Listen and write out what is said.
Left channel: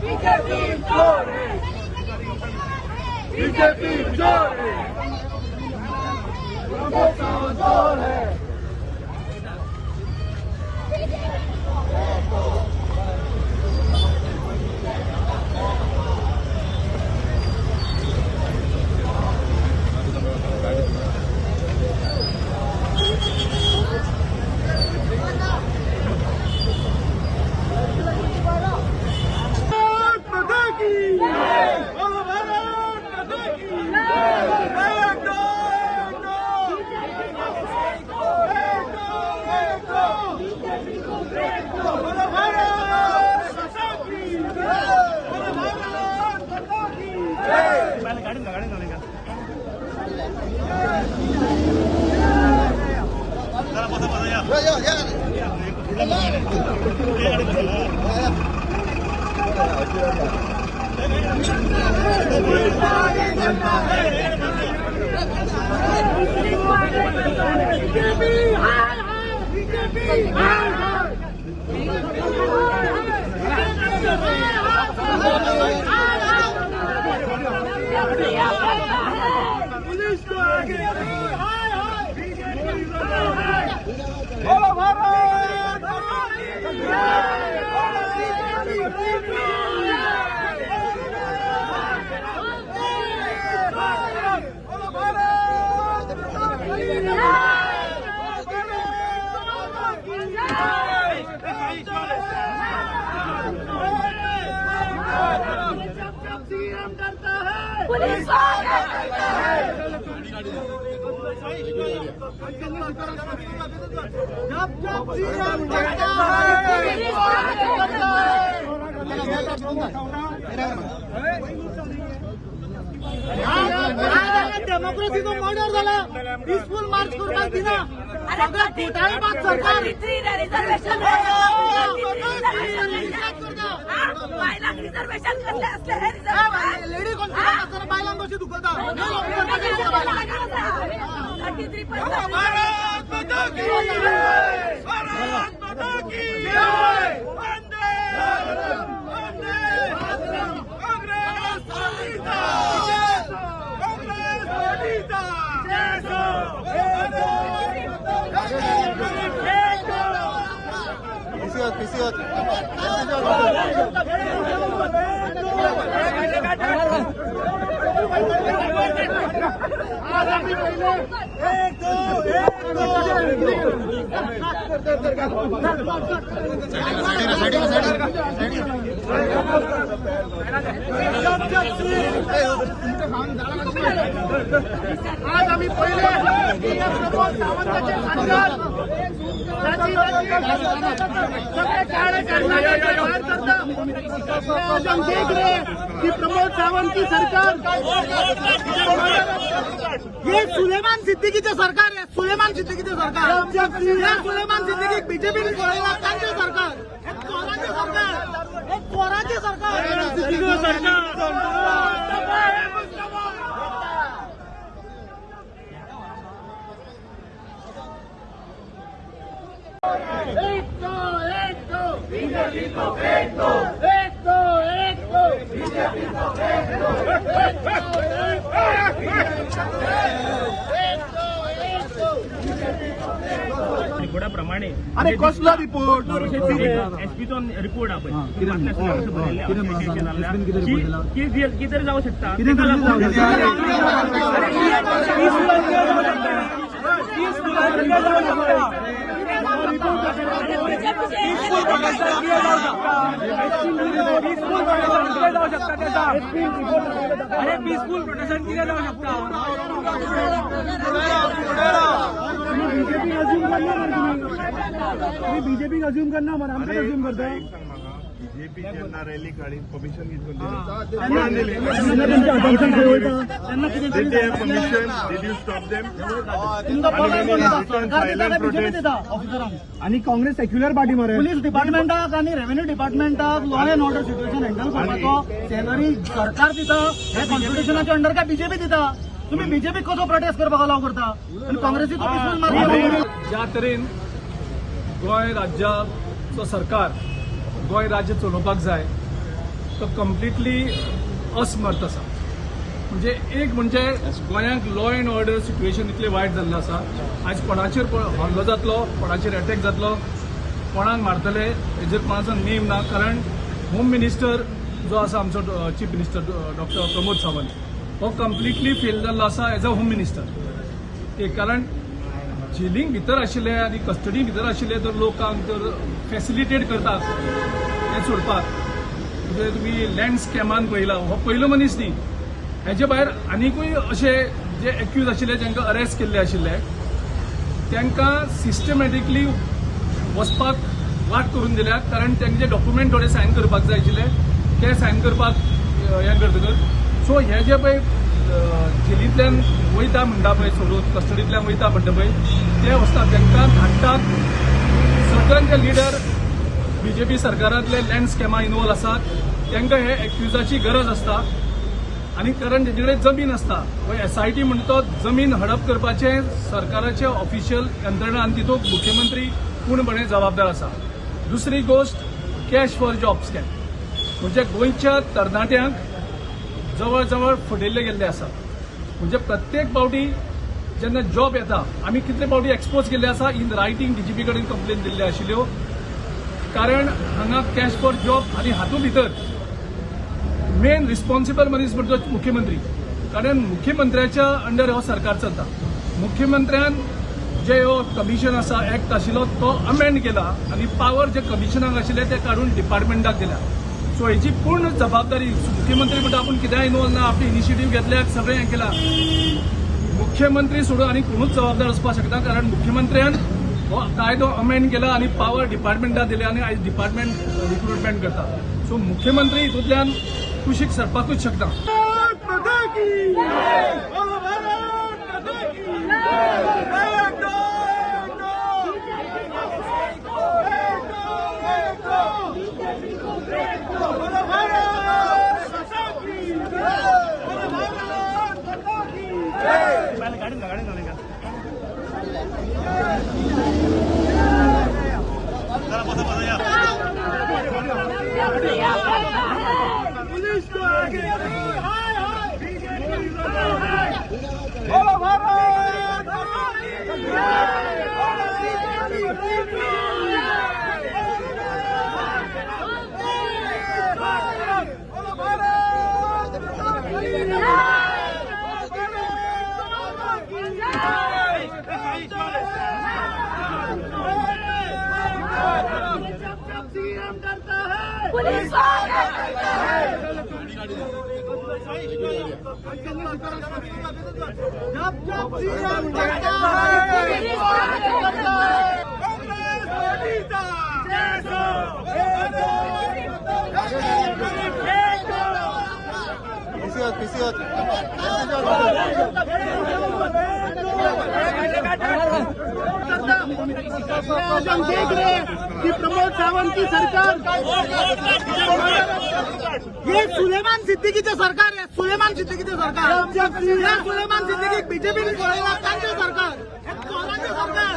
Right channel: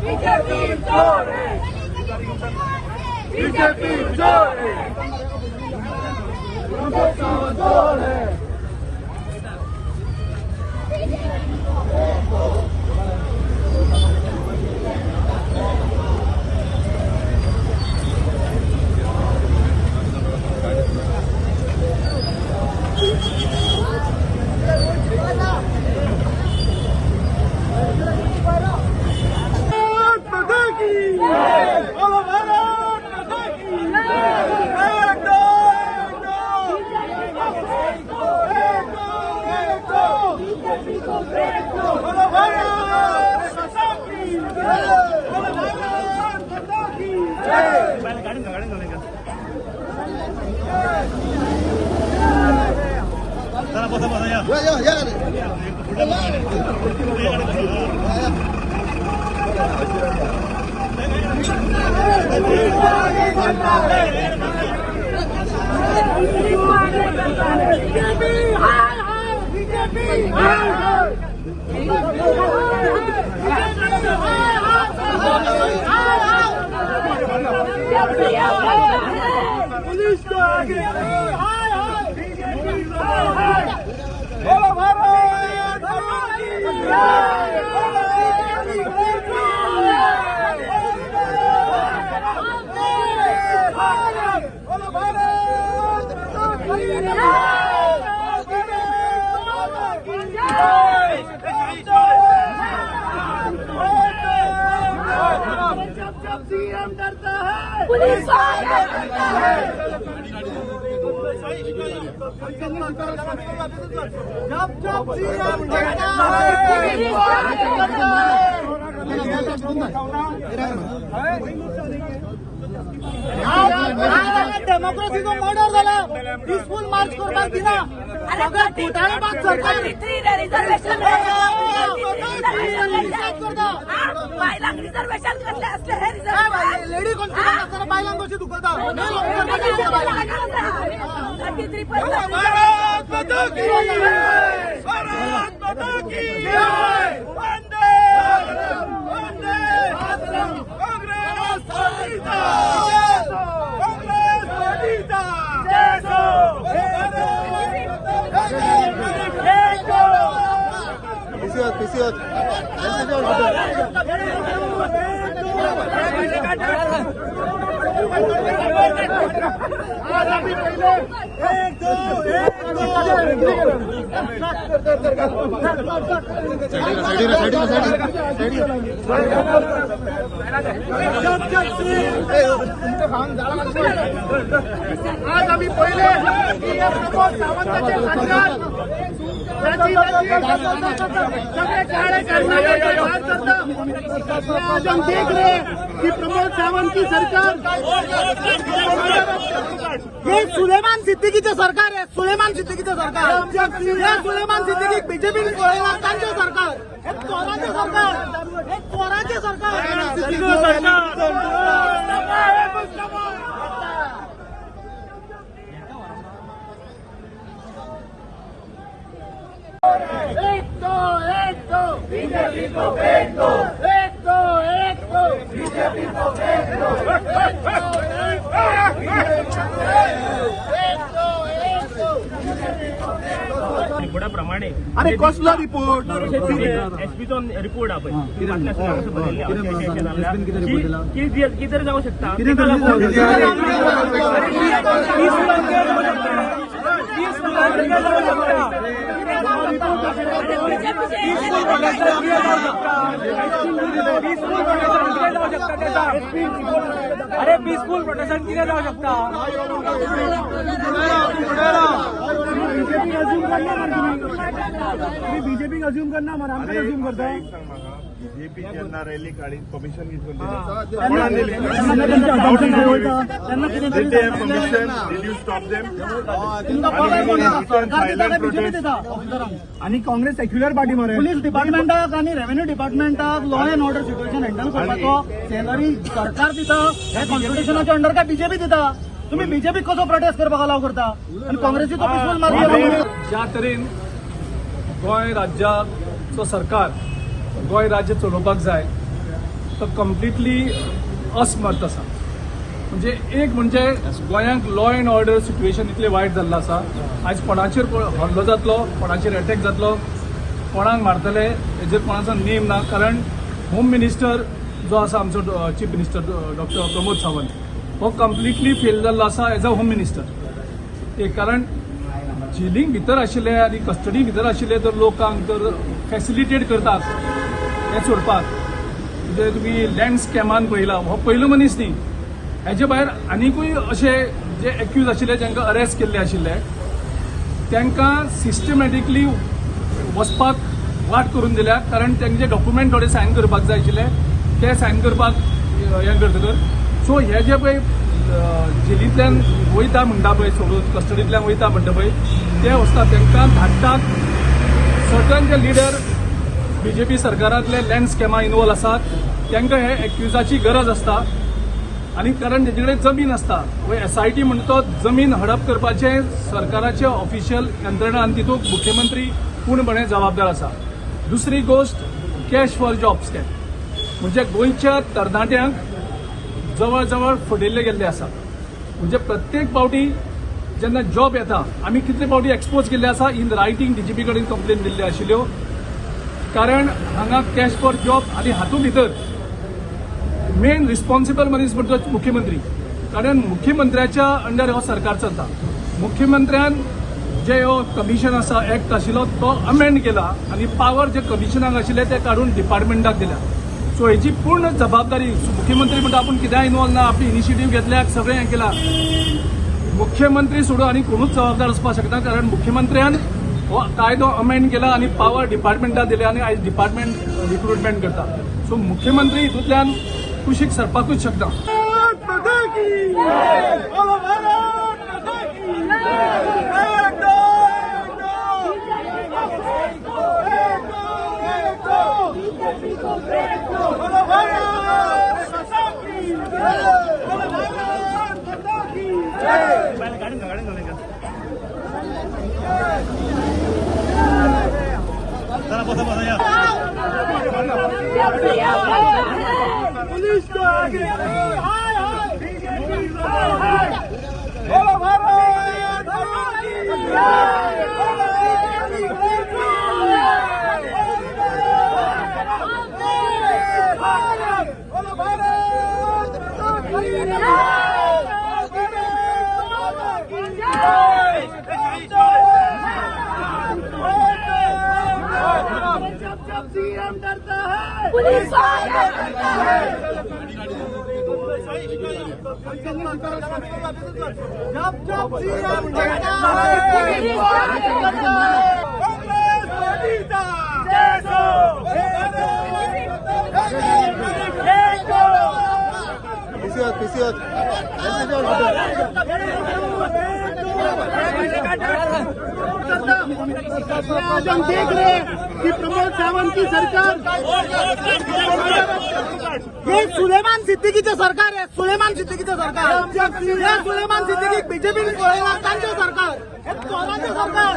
BJP जोर है, BJP जोर है, जोर है। पुलिस तो आगे बोलो भारत माता की जय, बोलो भारत माता की जब सीएम डरता है पुलिस आगे डरता है, जब सीएम डरता है डेमोक्रेसीचो मर्डर जाला, पीसफुल मार्च करपाक दिना, सगळ्या घोटाळेबाज सरकार रिझर्वेशन बायलांक रिझर्वेशन करले असले हे रिझर्वेशन लेडी कॉन्फिडन्स असताना बायलांक कशी दुखलता भारत माता की भारत माता की जय, वंदे वंदे काँग्रेस पार्टीचा, काँग्रेस पार्टीचा आज आम्ही पहिले प्रमोद सावंतांचे सरकार सगळे काळे कर्नाटक बाहर करता, आज हम देख रहे हैं कि प्रमोद सावंत की सरकार ये सुलेमान सिद्दीकीचे सरकार आहे, सुलेमान सिद्दीकीचे सरकार, या सुलेमान सिद्दीकी बीजेपी लोकांचे सरकार, हे चोराचे सरकार, हे चोराचे सरकार, एक दो बीजेपी को फेंक दो, एक दो बीजेपी को फेंक दो, रिपोर्टाप्रमाणे अरे कसला रिपोर्ट एसपीचो रिपोर्ट आपण कितें जावं शकता अरे पीसफुल प्रोटेक्शन कितें जावं शकता बीजेपी अजून करना बरं अरे आता एक सांग म्हाका जेपी जेन्ना रॅली काडीन परमिशन घेतली आणि काँग्रेस सेक्युलर पार्टी मरे पुलिस डिपार्टमेंटाक आणि रेव्हेन्यू डिपार्टमेंटाक law and order situation handle करपाचो सेनरी सरकार दिता, हे कॉन्स्टिट्युशनाच्या अंडर काय बीजेपी दिता? तुम्ही बीजेपी कसो प्रोटेस्ट करपाक अलाव करता आणि काँग्रेसीचो पीसफुल मार्ग ज्या तरेन गोंय राज्याचो सरकार गोंय राज्य चलोवपाक जाय तो कम्प्लिटली असमर्थ आसा. म्हणजे एक म्हणजे गोंयांक लॉ अँड ऑर्डर सिच्युएशन इतलें वायट जाल्लें आसा. आयज कोणाचेर हल्लो जातलो, कोणाचेर अटॅक जातलो, कोणाक मारतले हेजेर कोणाचो नेम ना. कारण होम मिनिस्टर जो आसा आमचो chief minister doctor Pramod Sawant हो कम्प्लिटली फेल जाल्लो आसा एज अ होम मिनिस्टर. एक कारण जेलींक भितर आशिल्ले आनी कस्टडी भितर आशिल्ले तर लोकांक तर फॅसिलिटेट करतात हें सोडपाक. म्हणजे तुमी लँड स्कॅमान पळयला, हो पयलो मनीस न्ही. हेचे भायर आनीकूय अशे जे एक्यूज आशिल्ले जांकां अरेस्ट केल्ले आशिल्ले तांकां सिस्टमॅटिकली वचपाक वाट करून दिल्या. कारण तांचे डॉक्युमेंट थोडे सायन करपाक जाय आशिल्ले ते सायन करपाक हें करतकर सो हे जे पळय जेलींतल्यान वयता म्हणटा पळय सोडून कस्टडींतल्यान वयता म्हणटा पळय ते वचता तांकां धाडटात. सर्टन जे लिडर बीजेपी सरकारांतले लँड स्कॅमा इन्वॉल्व आसात तांकां हे एक्युजाची गरज आसता. आनी कारण तेजे कडेन जमीन आसता वो SIT म्हणटा तो जमीन हडप करपाचे सरकाराचे ऑफिशियल यंत्रणा आनी तितूंत मुख्यमंत्री पूर्णपणे जबाबदार आसा. दुसरी गोष्ट कॅश फॉर जॉब स्कॅम म्हणजे गोंयच्या तरणाट्यांक जवळ जवळ फटयल्ले गेल्ले आसा. म्हणजे प्रत्येक फावटी जेन्ना जॉब येता आमी कितले फावटी एक्सपोज केल्ले आसा इन रायटींग DGP कडेन कंप्लेन दिल्ल्यो आशिल्ल्यो. कारण हांगा कॅश फॉर जॉब आनी हातूंत भितर मेन रिस्पॉन्सिबल मनीस म्हणजे मुख्यमंत्री. कारण मुख्यमंत्र्याच्या अंडर हो सरकार चलता. मुख्यमंत्र्यान जे हो कमिशन आसा एक्ट आशिल्लो तो अमेंड केला आनी पावर जे कमिशनाक आशिल्ले ते काडून डिपार्टमेंटाक दिल्या. सो हेची पूर्ण जबाबदारी मुख्यमंत्री म्हणटा आपूण कित्याक इन्वॉल्व ना, आपली इनिशिएटीव्ह घेतल्याक सगळें हें केलां. मुख्यमंत्री सोडून आनी कोणूच जबाबदार आसपाक शकना. कारण मुख्यमंत्र्यान हो कायदो अमेंड केला आनी पावर डिपार्टमेंटाक दिल्या आनी आयज डिपार्टमेंट रिक्रुटमेंट करता. सो मुख्यमंत्री हितूंतल्यान कुशीक सरपाकूच शकता. पुलिस आज हम देख रहे हैं कि प्रमोद सावंत की सरकार ये सुलेमान सिद्दीकीचे सरकार आहे. सुलेमान सिद्दीकीचे सरकार, सुलेमान सिद्दीकी बीजेपी सरकार, हे चोरांचे सरकार.